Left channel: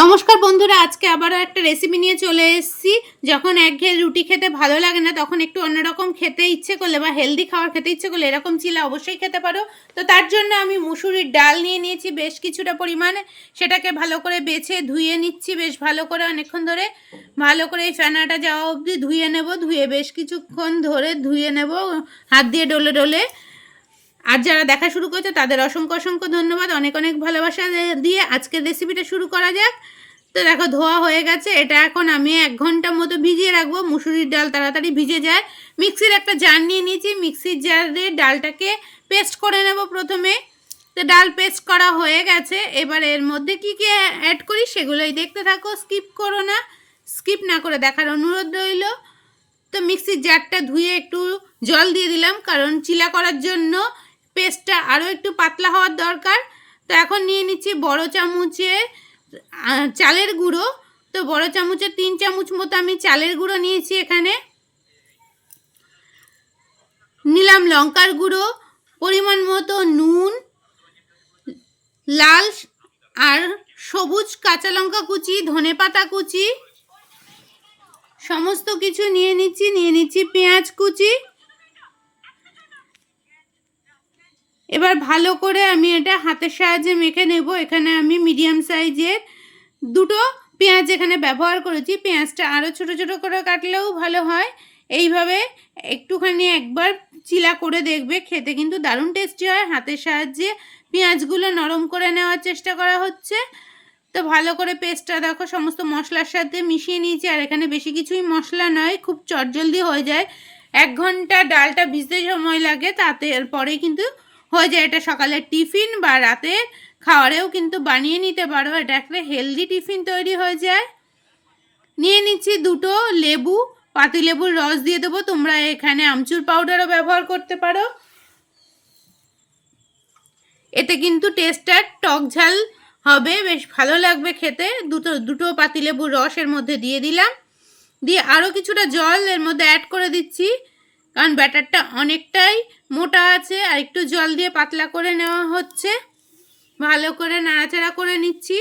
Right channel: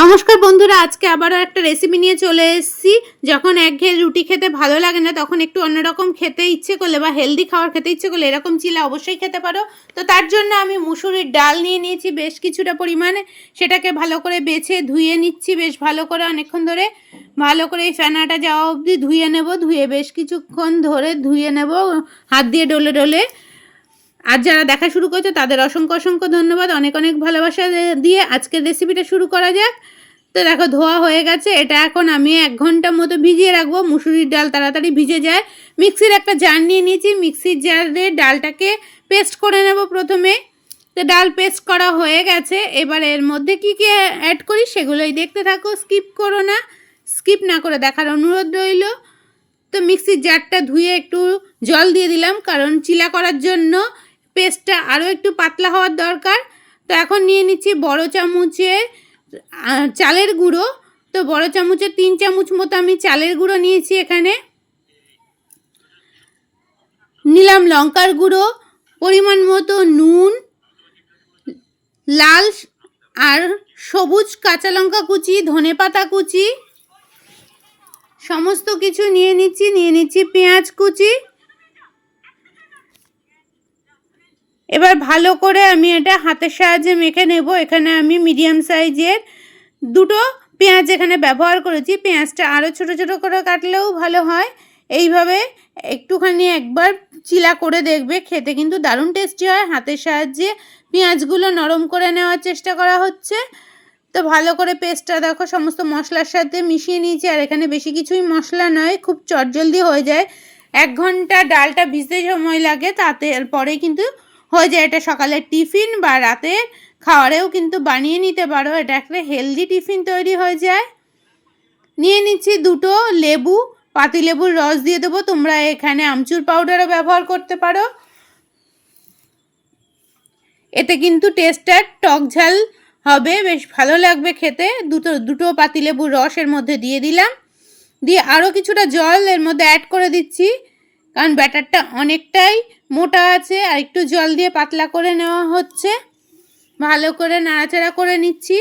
নমস্কার বন্ধুরা, আজকে আবারও একটা রেসিপি নিয়ে চলে এসেছি। যখন একঘেয়ে রুটি খেতে ভালো লাগে না, তখন একটু অন্যরকম খেতে ইচ্ছে করলে বা হেলদি খাবার খেতে ইচ্ছে করলে এরকম চিলা অবশ্যই খেতে পারো। তো তার জন্য আমি মুসুরির ডাল নিয়ে নিয়েছি বেশ কিছুটা পরিমাণে। সেটাকে ভালো করে বেছে ধুয়ে নিচ্ছি বেশ ভালো করে অনেকক্ষণ ধরে। ভালো করে এই ফেনাটা যাওয়া অবধি ধুয়ে নেব, ধুয়ে বেশ কিছুক্ষণ ধরে ধুয়ে নেব, হাত দিয়ে ডলে ডলে। আর যারা দেখা শুরু করেছে, তাদের অসংখ্য অসংখ্য ধন্যবাদ। অনেক অনেক ভালোবাসা দিয়ে আজকের রেসিপিটা শুরু করা যাক। তো দেখো, ধোয়া হয়ে গেছে। এটা এখন আমি এক ঘণ্টার মতো ভিজিয়ে রাখব। মুসুরির ডাল তাড়াতাড়ি ভিজে যায়। মিক্সির একটা জার নিয়ে নিয়েছি। মিক্সির জারে ডালটাকে পেস্ট করে নেব প্রথমে। তো ডাল পেস্ট করা হয়ে গেছে। এবার এর মধ্যে কি কি অ্যাড করি সেগুলোই দেখতে থাকো। স্কিপ করো না। স্কিপ না করে দেখার অনুরোধ রইল। তো মিক্সির জারটা ধুয়ে একটু জল দিয়ে দিলাম। কারণ চিলা করার জন্য পেস্টটা আরও একটু পাতলা হওয়ার দরকার। তো এখন নিয়ে নিচ্ছি বড় চামচে চালের গুঁড়ো। তো বড় চামচের তিন চামচ মতো আমি চালের গুঁড়ো নিয়েছি এখানে। নিলাম লঙ্কার গুঁড়ো, পরিমাণ মতো নুন, লাল আর সবুজ কাঁচা লঙ্কা কুচি, ধনে পাতা কুচি। সমস্ত কিছু নিয়ে নিচ্ছি নিয়ে নিচ্ছি পেঁয়াজ কুচি। এবার ভালো করে আমি এটা হাতের সাহায্যে মেখে নেব। এখানে আমি মিডিয়াম সাইজের দুটো পেঁয়াজ এখানে ব্যবহার করেছি। পেঁয়াজটা আরও ছোট ছোট করে কাটলেও ভালো হয়। এইভাবে একটুখানি একবার চিলা করে দেখবে। খেতে কিন্তু দারুণ টেস্টি হয়। হাতের সাহায্যে পেঁয়াজগুলো নরম করে নেওয়ার চেষ্টা করা হচ্ছে। তো ভালো করে পেস্টটা দেখো, সমস্ত মশলার সাথে মিশিয়ে নিয়েছি। আর এখানে বেশি কিছুই মশলা নয়, খুব চটজলদি হয়ে যায়। এক ঘণ্টা ডালটা ভিজতে সময় লাগে, তাতে পরে কিন্তু হয়ে যায়। এটা সকালের টিফিন বা রাতের খাওয়ারেও কিন্তু বানিয়ে নিতে পারো। এটা একটা হেলদি টিফিন তৈরি হয়ে যায়। নিয়ে নিচ্ছি দুটো লেবু পাতিলেবুর রস দিয়ে দেবো। তোমরা এখানে আমচুর পাউডারও ব্যবহার করতে পারো। এতে কিন্তু টেস্টটা টক ঝাল হবে। বেশ ভালো লাগবে খেতে। দুটো দুটো পাতিলেবুর রস এর মধ্যে দিয়ে দিলাম। দিয়ে আরও কিছুটা জল এর মধ্যে অ্যাড করে দিচ্ছি। কারণ ব্যাটারটা অনেকটাই মোটা আছে, আর একটু জল দিয়ে পাতলা করে নেওয়া হচ্ছে। ভালো করে নাড়াচাড়া করে নিচ্ছি।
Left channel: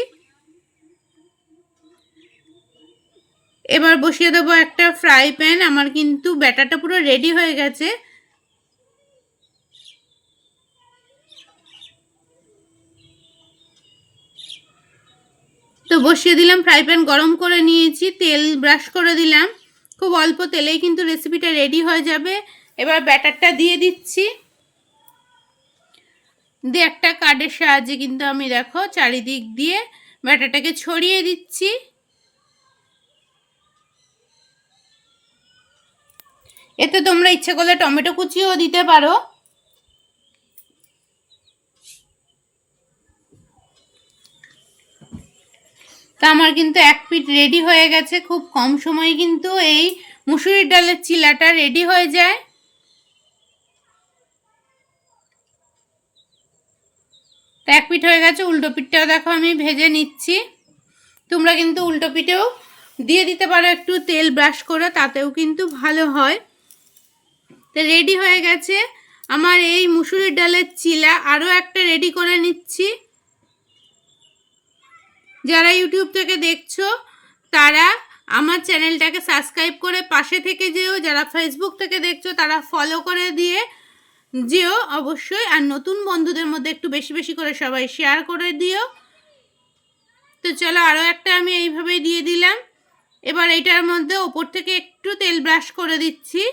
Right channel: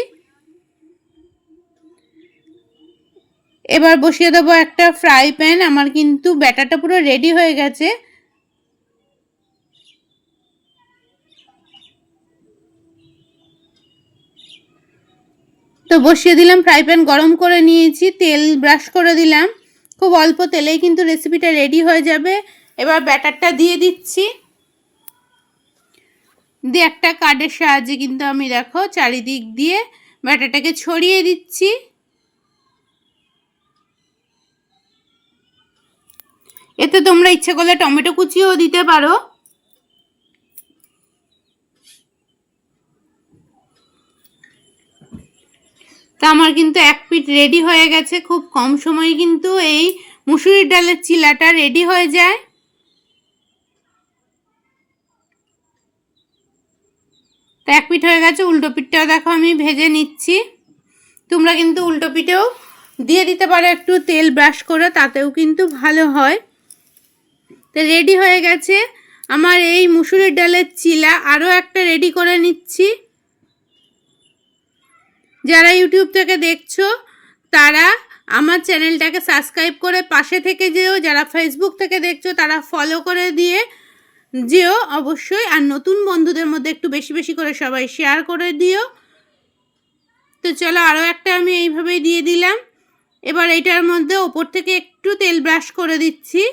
এবার বসিয়ে দেবো একটা ফ্রাই প্যান। আমার কিন্তু ব্যাটারটা পুরো রেডি হয়ে গেছে। তো বসিয়ে দিলাম, ফ্রাই প্যান গরম করে নিয়েছি। তেল ব্রাশ করে দিলাম। খুব অল্প তেলেই কিন্তু রেসিপিটা রেডি হয়ে যাবে। এবার ব্যাটারটা দিয়ে দিচ্ছি। দিয়ে একটা কার্ডের সাহায্যে কিন্তু আমি দেখো চারিদিক দিয়ে ব্যাটারটাকে ছড়িয়ে দিচ্ছি। এতে তোমরা ইচ্ছে করলে টমেটো কুচিও দিতে পারো। তা আমার কিন্তু এক পিট রেডি হয়ে গেছে, খুব কম সময়ে কিন্তু এই মুসুরির ডালের চিলাটা রেডি হয়ে যায়। তো এক পিঠ হয়ে গেছে, উল্টো পিঠটাও দেখো আমি ভেজে নিচ্ছি। তোমরা কিন্তু উল্টো পিঠেও দিয়ে দিতে পারো, একটু তেল ব্রাশ করে, তাতেও কিন্তু ভালো হয়। তো রেডি হয়ে গেছে আমার এই মুসুরির ডালের চিলা। আরও একটা রেডি করে নিচ্ছি। যারা ইউটিউব থেকে দেখছ, তারা আমার চ্যানেলটাকে সাবস্ক্রাইব করে পাশে থেকে যেও। যারা ফেসবুক থেকে দেখছ, তারা ফলো করে দিয়ে যেও অবশ্যই, আর নতুন বন্ধুদের মধ্যে একটু বেশি বেশি করে সবাই শেয়ার করে দিও। তো চলো আরও একটা আমি এইভাবেই দিয়ে দিলাম। এবার এইটার মধ্যে ওপর থেকে একটু তেল ব্রাশ করে দিচ্ছি।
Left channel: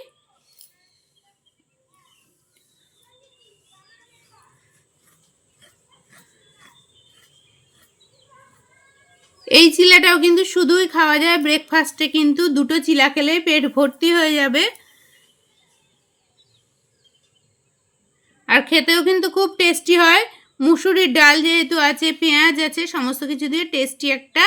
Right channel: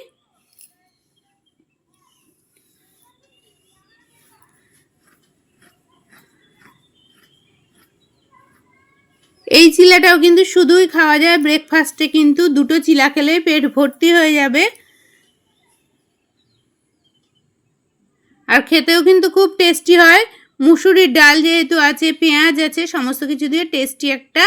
এই চিলাটাও কিন্তু শুধুই খাওয়া যায় ব্রেকফাস্টে কিন্তু দুটো চিলা খেলেই পেট ভর্তি হয়ে যাবে। আর খেতেও কিন্তু খুব টেস্টি হয়। মুসুরির ডাল যেহেতু আছে, পেঁয়াজ আছে, সমস্ত কিছু দিয়ে টেস্টি একটা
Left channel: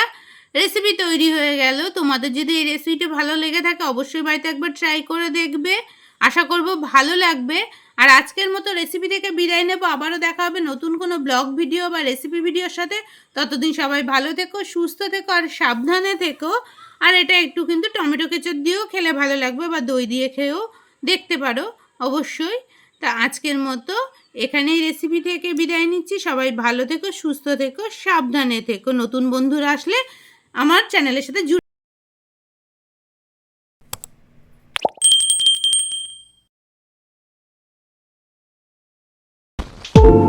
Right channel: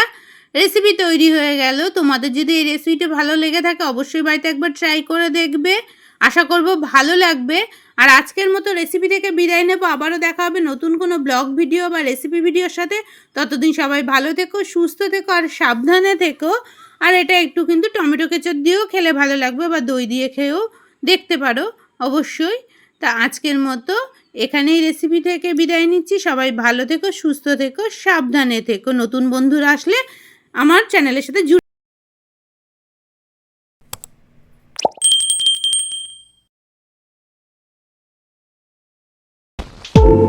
রেসিপি তৈরি হয়ে গেল। তোমাদের যদি এই রেসিপিটা ভালো লেগে থাকে, অবশ্যই বাড়িতে একবার ট্রাই করে দেখবে। আশা করব ভালো লাগবে। আর আজকের মতো রেসিপি থেকে বিদায় নেব। আবারও দেখা হবে নতুন কোনো ব্লগ ভিডিও বা রেসিপি ভিডিওর সাথে। ততদিন সবাই ভালো থেকো, সুস্থ থেকো আর সাবধানে থেকো। আর এটা একটু কিন্তু টমেটো কেচর দিয়েও খেলে ভালো লাগবে বা দই দিয়ে খেয়েও দেখতে পারো। অবশ্যই তা আজকের মতো এখানেই রেসিপি থেকে বিদায় নিচ্ছি। সবাই ভালো থেকো, সুস্থ থেকো, সাবধানে থেকো। নতুন বন্ধুরা আসলে আমার চ্যানেলের সাথে জুড়ে you